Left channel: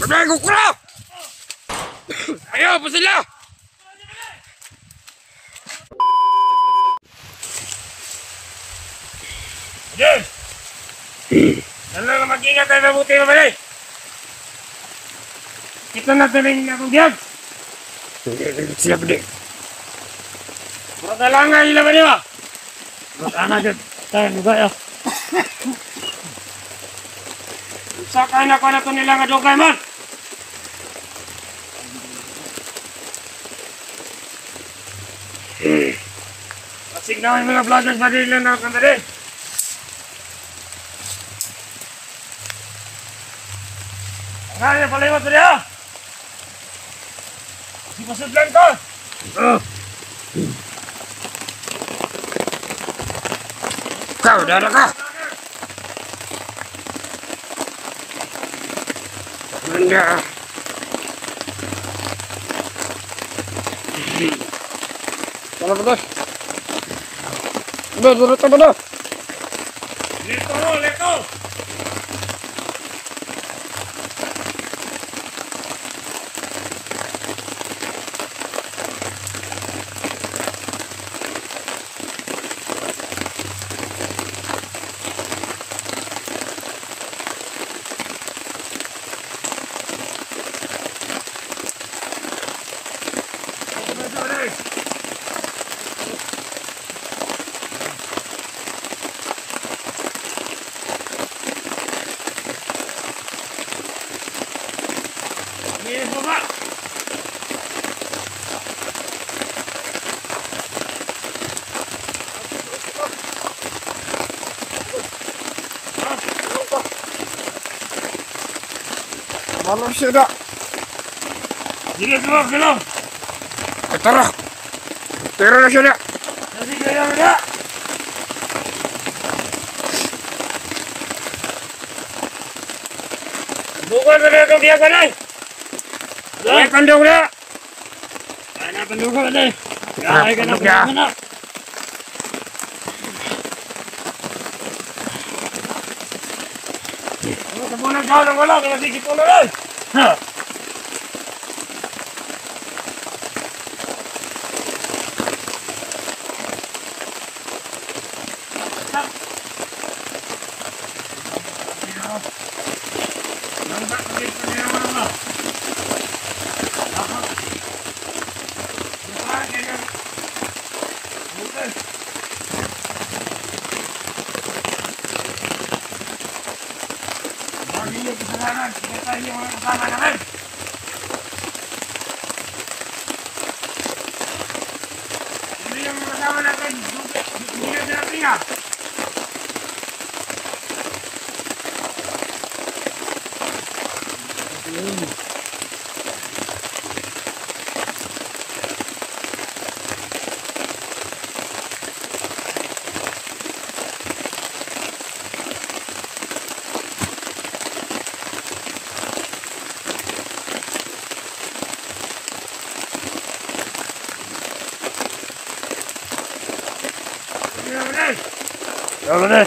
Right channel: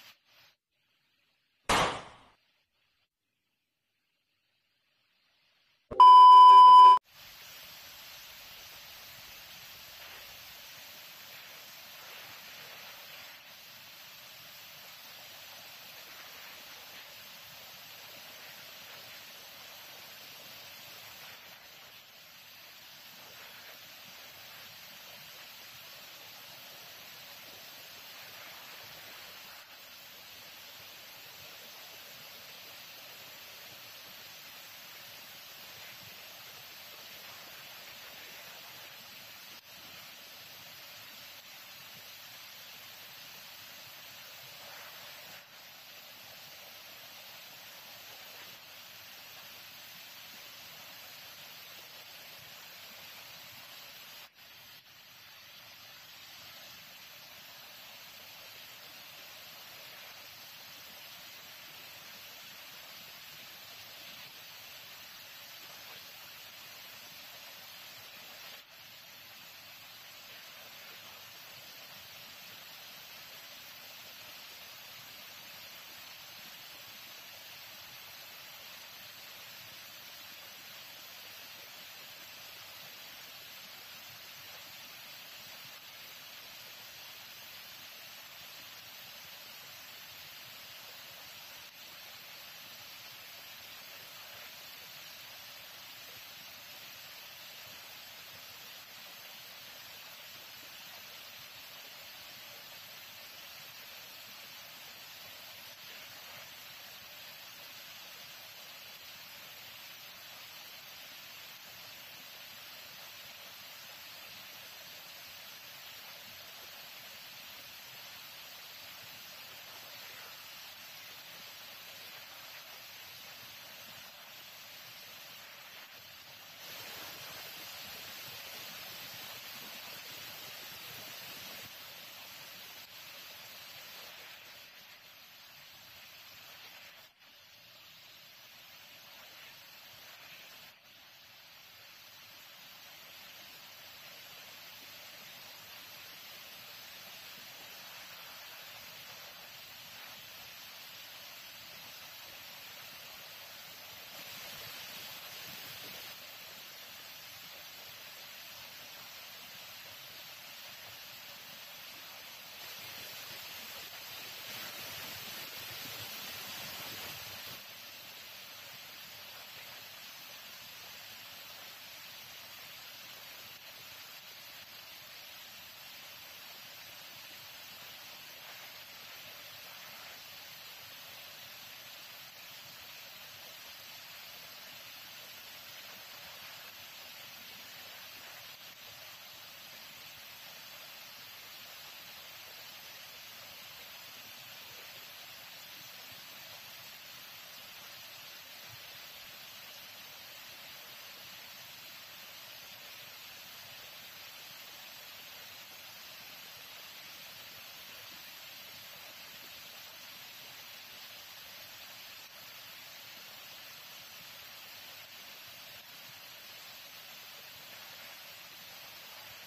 Berlagu kurang! Ayo, apa sila? Jom! Dalam mag-ingat tayo mabuti mabalay! Kita natin rin akong diyan! Sila pwede! Matalangan nila ba niya? Matalangan dyan! Tayo, nagaya! Sakay na ko na ito nila nga dugay man! Pasig na yung mga vloggers ba din lang na kandari? Nga yung paliwat ba niya? Di pasudlan ko! Kau, dada ka! Manda! Sana ba dos? Durut apa dah? Leto! Mana siya dah? Sige, gelap. Tara. Tara na siya dah. Sige, dah. Bukan na kang dia kanay. Ay, kandong na. Ana kandong ka kanay. Ay, kandong na. Muna daw ng wala, kaya sige ko na. Ha. Ini kesalahan kita ini orang kesalahan kan? Ini yang kesalahan kan? Ini tidak tinggal. Kalau deh.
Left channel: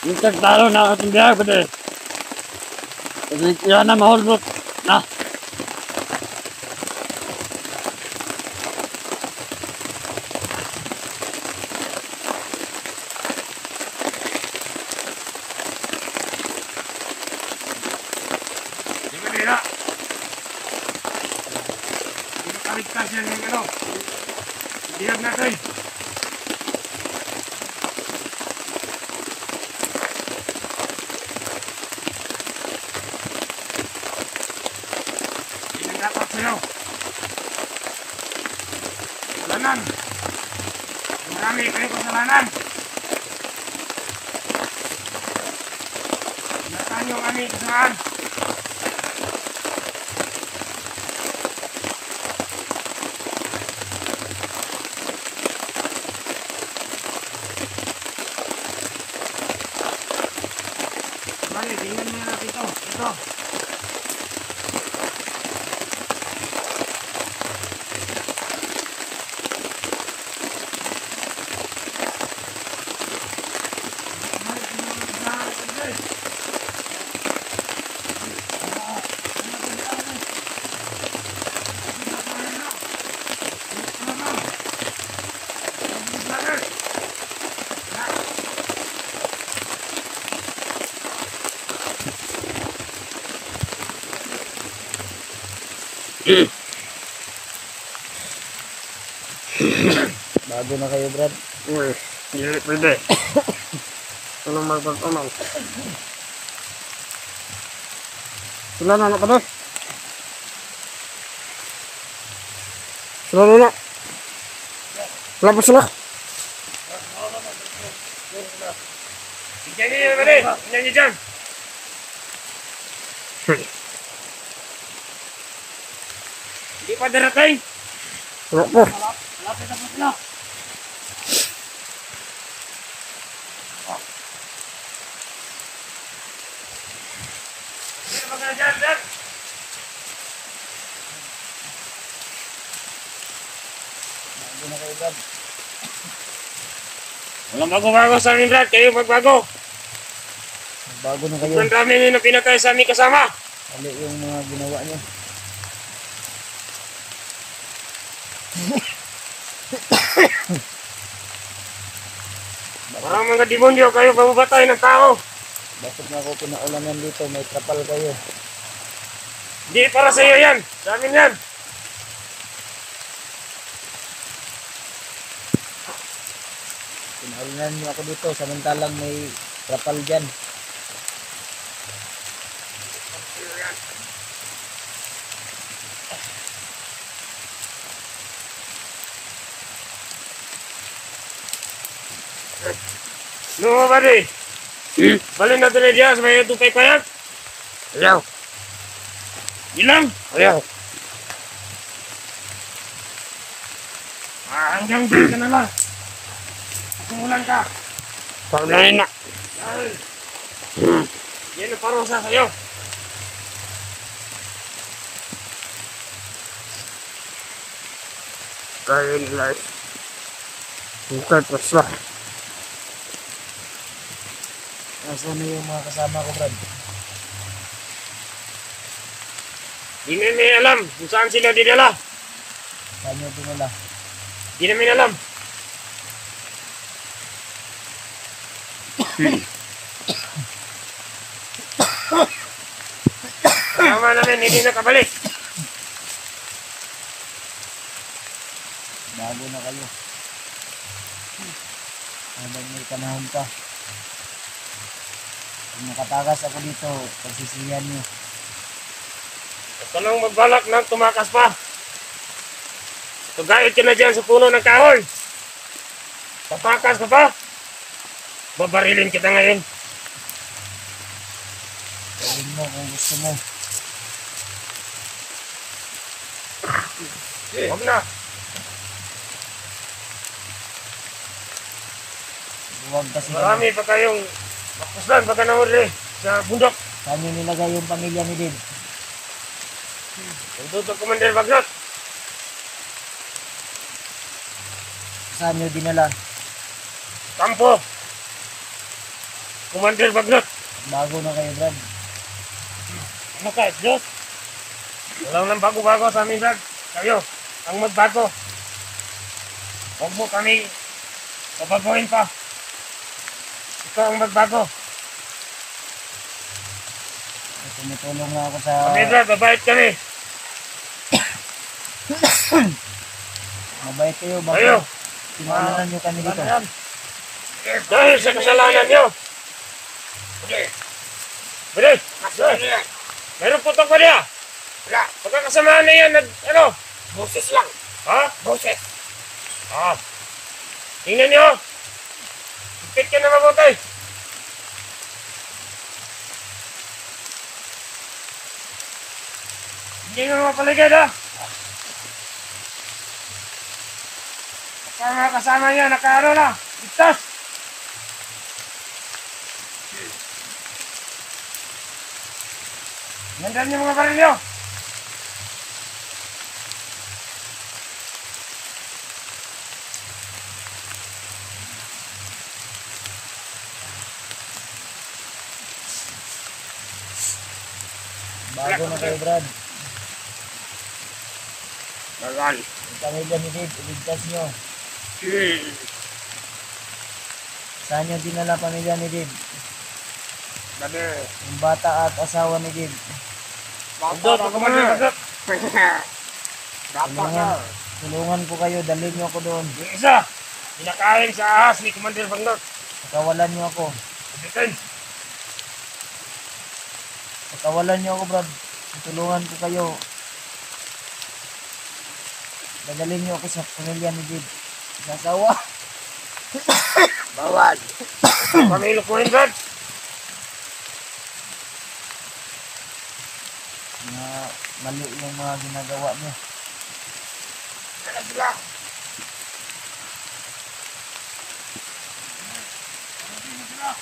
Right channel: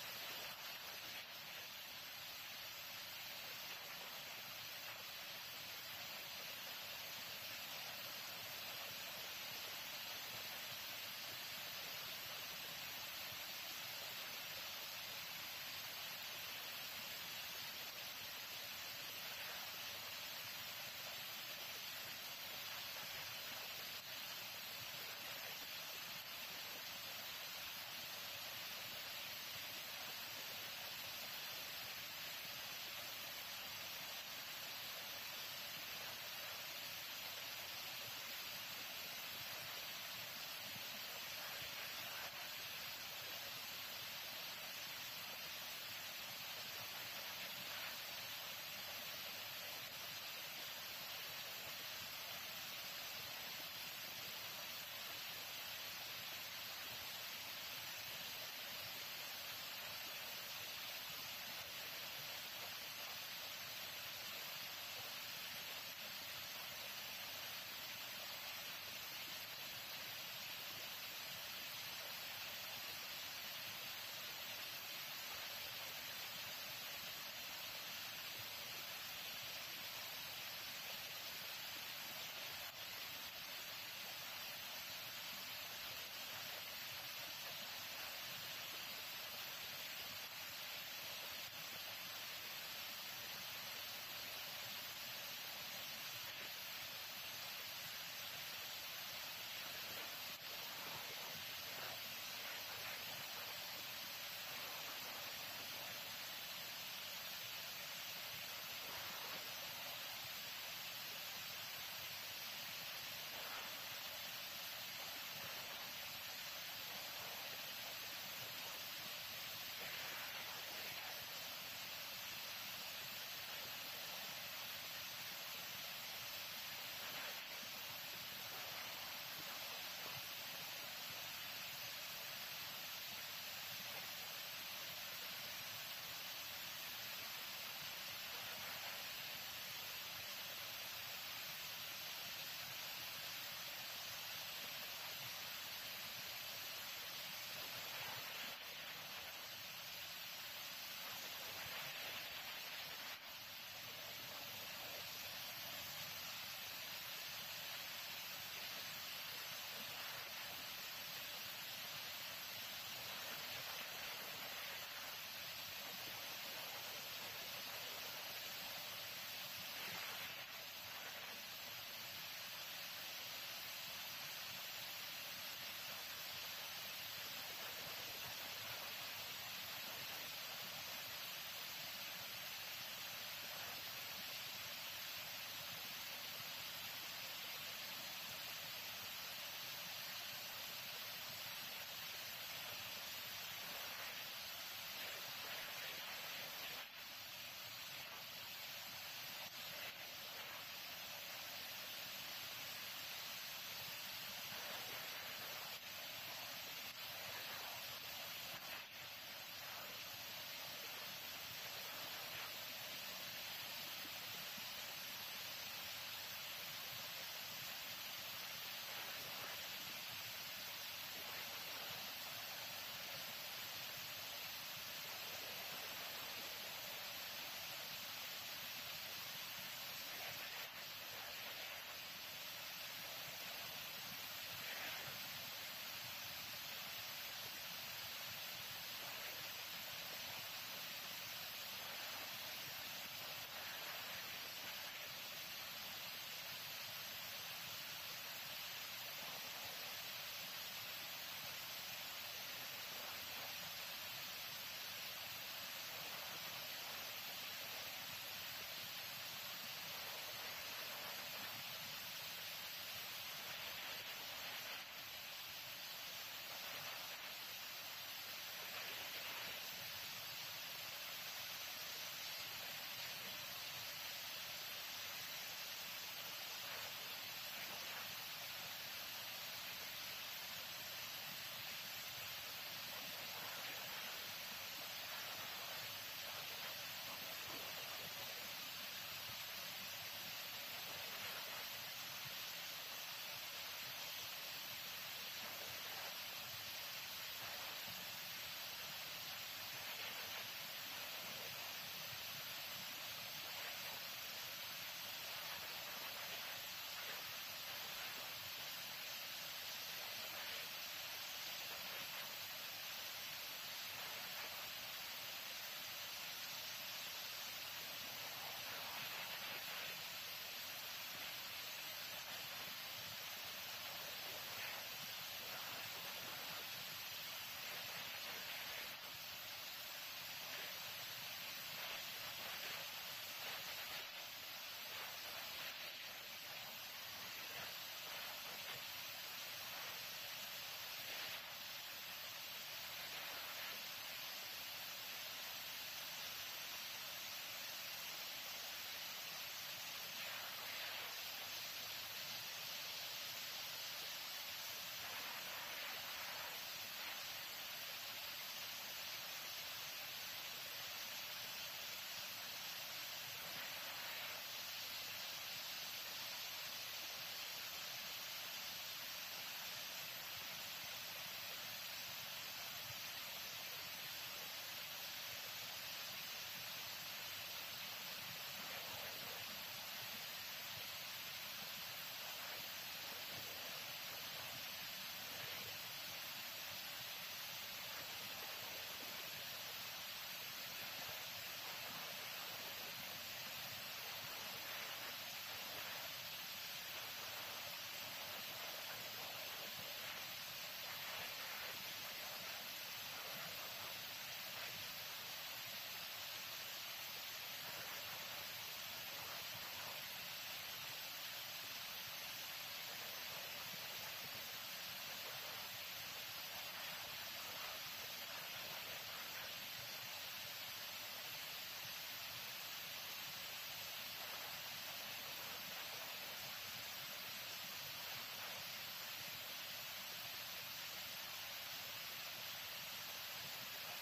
Minsan talo na ating biyahe ba din? Kasi kaya na mahulbot. Na. Di ba nila? Di ba kaligtas yan yung ano? Diyag natin. Dapat sa'yo. Kasalanan. Marami kayo kasalanan. Natan yung aming kasalanan. Bali, tingnan nyo natin ito. Ito. Bago na kayo, Brad. Uy, hindi pwede. Anong magpagpamaw? Sila na pa doon. Sila na. Wala pa sila. Tignan niyo ba rin? Tignan niyo dyan. Hindi pa darating. Wala pa. Malapit na pa sila. Sino ba ka dyan, Dad? Bago na kayo, Brad. Walang bago-bago sa amin, Brad. Kayo magbago. Bago na kayo. Ang dami nyo na pinatay sa aming kasama. Mali yung mga ginawa niyo. Parang mga demonyo kayo pabubatay ng tao. Bakit na ako pinaulanan dito? May trapal kayo. Hindi para sa iyo yan. Sa amin yan. Pinaulanan niyo ako dito. Samantalang may trapal dyan. No, buddy. Balik natin na diyan sa may tupay payag. Ayaw. Ilang? Ayaw. Hanggang dito ka na lang. Pagkumulan ka. Paglain na. Yan ang parusa sa'yo. Kaya nila. Bukat pa sila. Nasaan na yung mga kasama ko, Brad? Di namin alam kung saan sila dinala. Saan nyo dinala? Di namin alam. Kasama namin, hindi nakabalik. Bago na kayo. Habang may panahon pa. Kung nakatakas ako dito, pagsisiyan nyo. Huwag ka nang magbalak na tumakas pa. Tugait ka na dyan sa puno ng kahoy. Tatakas ka pa. Babarilin kita ngayon. Gawin mo kung gusto mo. Huwag na. Huwag kasi Marami pa kayong makpuslan pagka nahuli sa bundok. saan nyo nilagay yung pamilya ni Dave? Tututok Commander Bagnot. Saan nyo dinala? Kampo. Commander Baglot. Bago na kayo, Brad. Ano ka, Diyos? Walang nang bago-bago sa amin, Brad. Kayo, ang magbago. Huwag mo kami babaguhin pa. Ikaw ang magbago. Tumutulong na ako sa... Kami, Brad, babait kami. Mabait kayo. Kayo. Bakit tinulanan nyo kami dito? Dahil sa kasalanan nyo. Bilis! Meron putok pa niya. Wala. Pagkakasamaan na yan, ano? Boses lang. Ha? Boses. Ah. Tingnan nyo. Ipit ka na mabuti. Hindi mo mapaligid, ha? Kasama niya, nakaano na. Ligtas. Nandan yung mga barilyo. Bago na kayo, Brad. Bagal. Ang pamilya ni Dave, iligtas nyo. Saan nyo dinala pamilya ni Dave? Dami. Yung bata at asawa ni Dave. Ando, pagkaman na. Tulungan ko kayo, dalhin nyo ako doon. Yung isa, pinakain sa ahas ni Commander Baglot. Pakawalan nyo ako. Bitin. Pakawalan nyo ako, Brad. Tulungan ko kayo. Dadalhin nyo ako sa pamilya ni Dave. Sa asawa. Bawal. Pamilok mo rin, Brad. Na mali yung mga ginagawa nyo.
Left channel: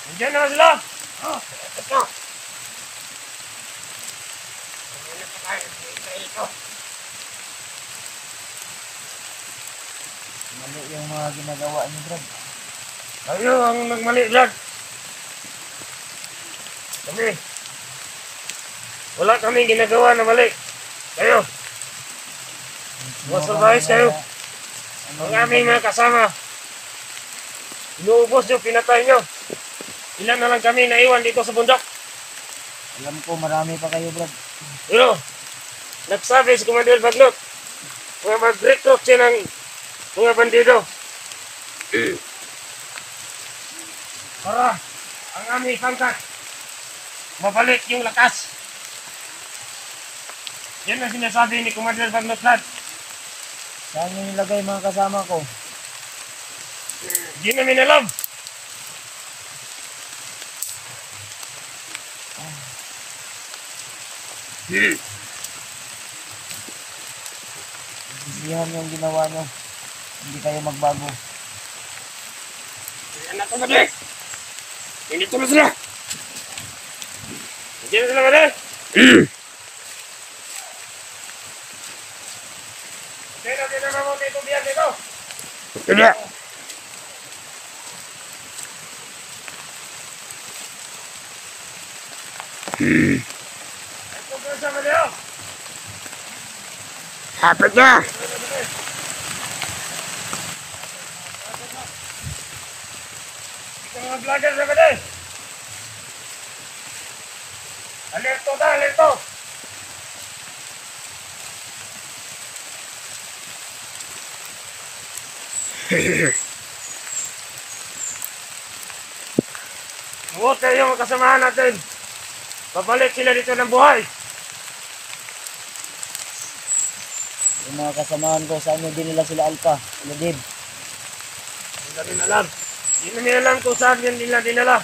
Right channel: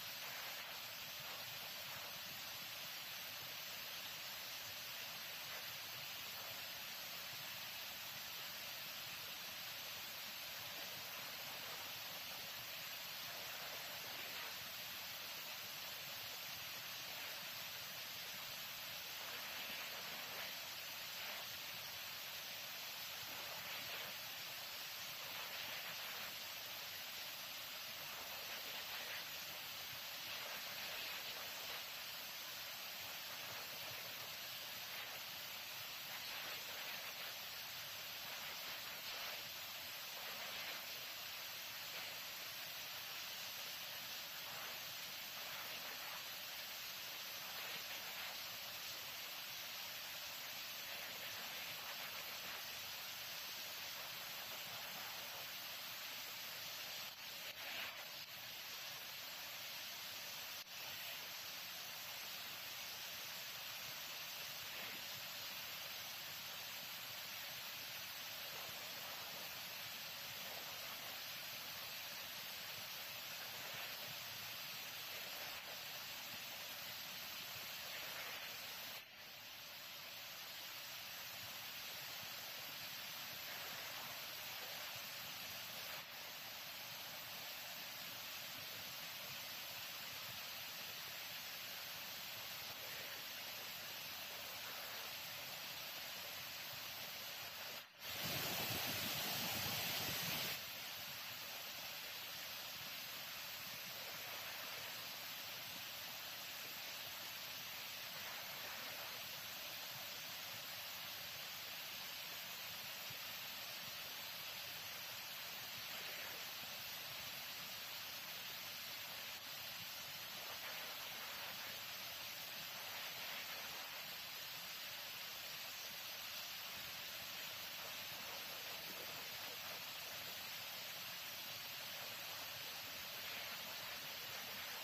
Nandiyan naman sila. Ito. Mali yung mga ginagawa nyo, Brad. Kayo ang nagmali, Brad. Kami. Wala kami ginagawa na mali. Kayo. Masurprise kayo. Ang aming mga kasama. Inuubos nyo, pinatay nyo. Ilan na lang kami naiwan dito sa bundok. Alam ko marami pa kayo, Brad. Pero, nagsabi si Commander Baglot, mga mag-recruit siya ng mga bandido. Para ang aming pangkat, mabalik yung lakas. Yan ang sinasabi ni Commander Baglot, Brad. Saan nyo nilagay mga kasama ko? Hindi namin alam. Sisihan yung ginawa nyo. Hindi kayo magbago. Anak ko ba hindi ko na sila. Hindi na sila ba Okay, natin naman mo dito biyan dito. Tidak. Ito ko sa mga Hapit na. Ito mga vlogger sa mga Alerto na, alerto. Huwag kayo yung kasamahan natin. Babalik sila dito ng buhay. Yung mga kasamahan ko, saan nyo dinila sila Alpha? Sila Dave. Hindi namin alam. Hindi namin alam kung saan yan nila dinala.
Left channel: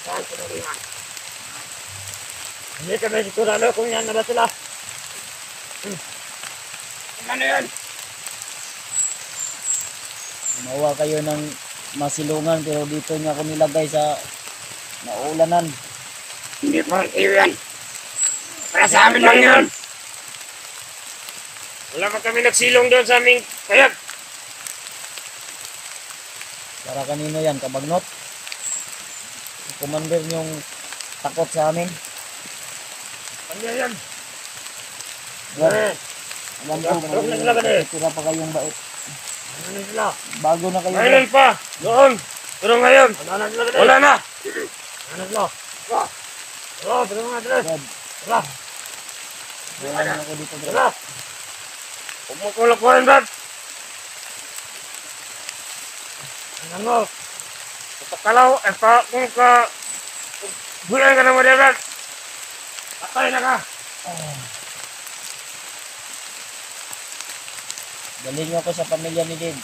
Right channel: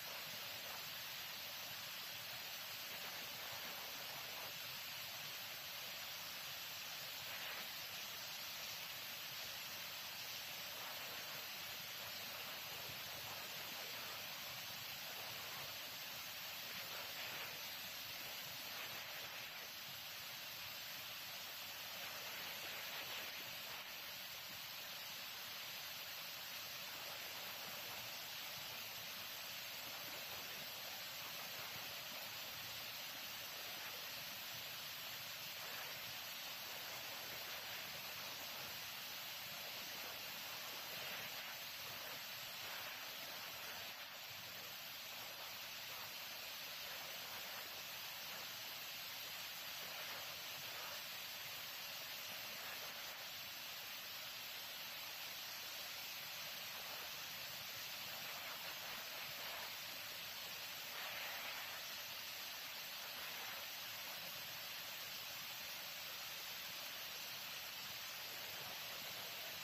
Saan ko namin yan? Hindi kami sigurado kung yan na ba sila. Ano yan? Gumawa kayo ng masilungan pero dito niya ako nilagay sa naulanan. Hindi pa kayo yan. Para sa amin lang yan. Wala pa kami nagsilong doon sa aming kayag. Para kanino yan? Kabagnot? Si commander yung takot sa amin. Kanya yan. Brad, Eh, alam ko, Huwag na sila ganun. tira pa kayong bait. ano sila? Bago na kayo. Mayroon pa. Doon. Pero ngayon, Wala na sila wala na. Ano sila? Pero mga tres. Brad, Wala. wala na ako dito, Brad. Wala. Huwag mo kulakuhin, Brad. Ano? Kapakalaw, kung bulan ka na mo, Brad. Patay na ka. Dalhin niyo ako sa pamilya ni Dave.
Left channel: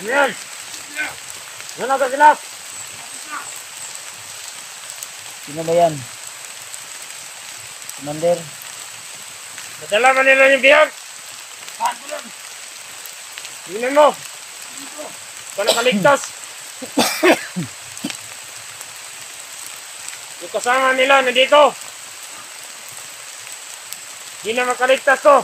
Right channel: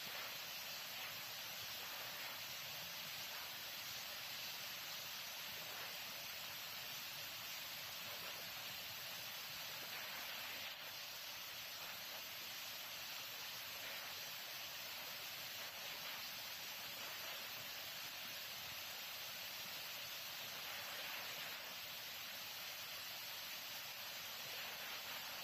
Ano yan? Ano na sila? Sino ba yan? Commander? Nadala man nila yung biyag. Tingnan mo. Ikaw nakaligtas. Yung kasama nila nandito. Hindi na makaligtas to.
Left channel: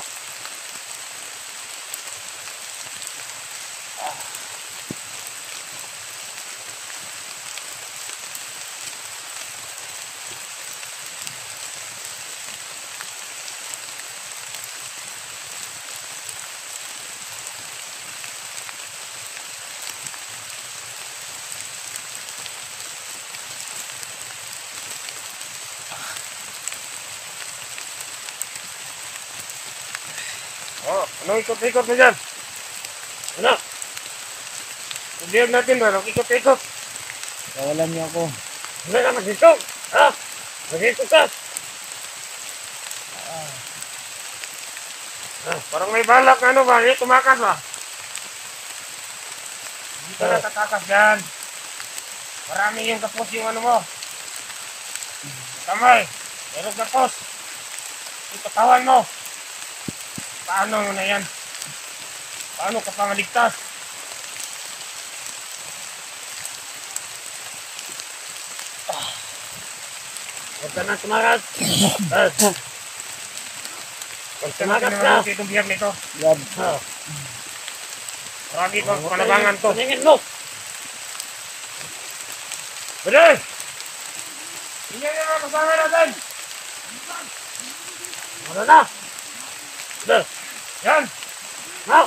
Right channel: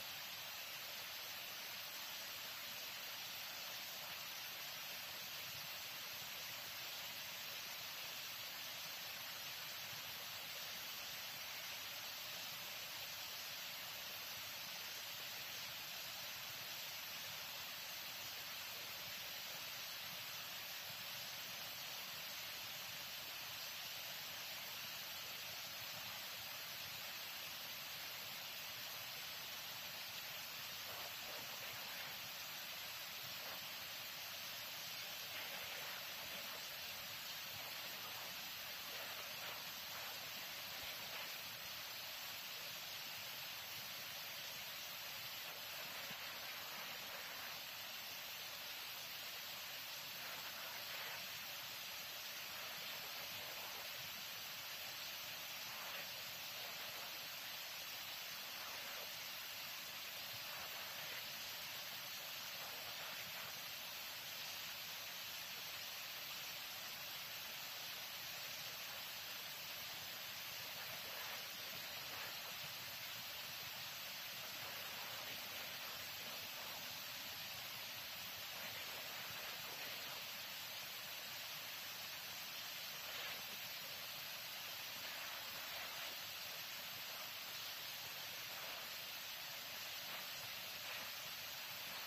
Oh, ano ikot-ikot mo dyan? Ano? Ibiyag natin ba? Ano ikot-ikot? Kawalan niyo ako. Ano na magdito? Ha? Magdito ka? Parang may balak ano ba? Hindi tumakas ba? Hindi ka natatakas dyan. Marami yung kapos yung ano mo. Kamay. Meron kapos. Yung katawan mo. Paano mo na yan? Paano ka pangaligtas? Huwag ka na tumakas. Huwag ka natin naman itong biyag nito. Brad, Marami pang panabangan to. Paningin mo. Balik! Hindi na mga kasama natin! Ano na? Yan! Ha?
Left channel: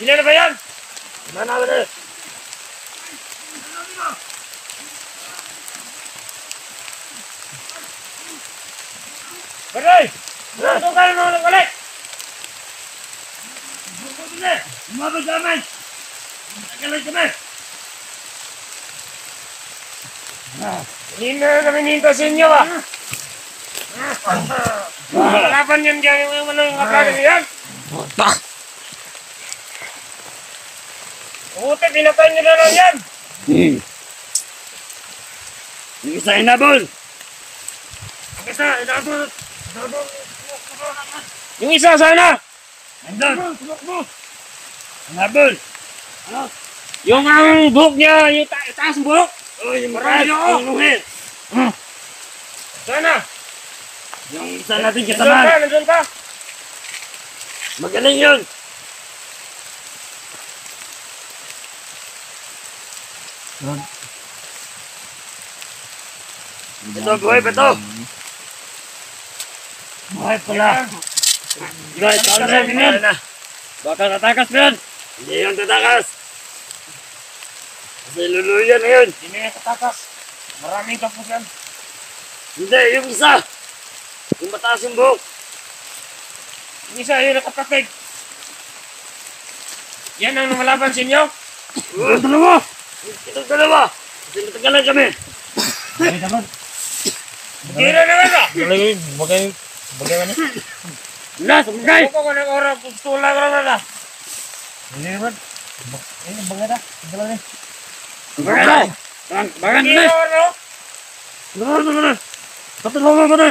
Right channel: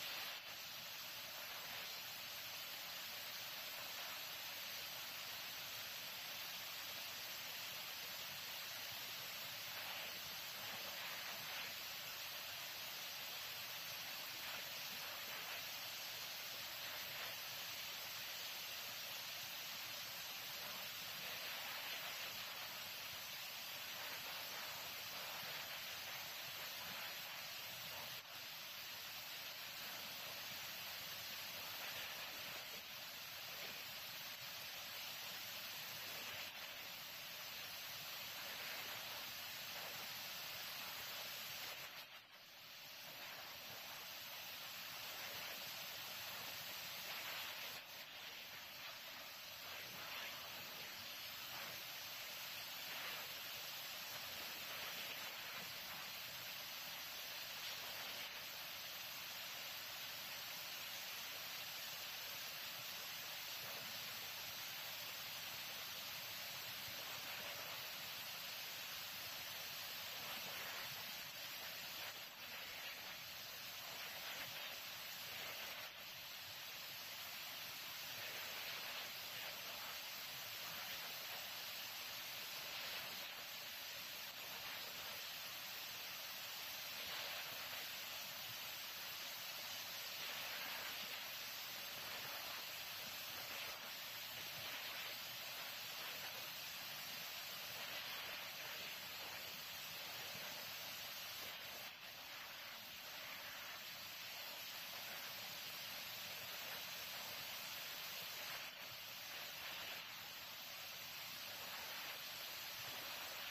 Sila na ba yan? Ano na ulit? Balik! Ano ka na mga balik? Umabot sa amin! Nagkalag kami! Hindi na kami ninta sa inyo ah! Laban yan dyan yung mga kaplagan yan! Buti, pinatay nyo na lang yan! Yung isa inabol! Ang isa, inabot! Yung isa sana! Nandun! Inabol! Yung ang buhok niya, yung taas buhok! Oh, yung Marami makas! ako. Yung nuhit! Sana! Yung isa natin Nandun kasama! ka, nandun ka! Magaling yun! Ito, buhay pa to! Buhay pala! Guys, saan na yun? Baka tatakas pa yan! Hindi yung tatakas! Kasi luluyan na yun! Hindi na katakas. Maraming kapos yan. Hindi, yung isa! Yung mataas yung buhok! Yung isa, yun nakapatig. Yan ang lumalaban sa inyo? Itong dalawa! Itong dalawa! Kasi matagalan kami! Hindi na naman ba? bagay man eh. Wala, sumagay! Ako ko ng oras, tula ko na na. Hindi naman. Ayun, bagay na. Dalawa na. Sumagay! Bagan Hindi na! na, ano? Bagan na! Patulungan mo na!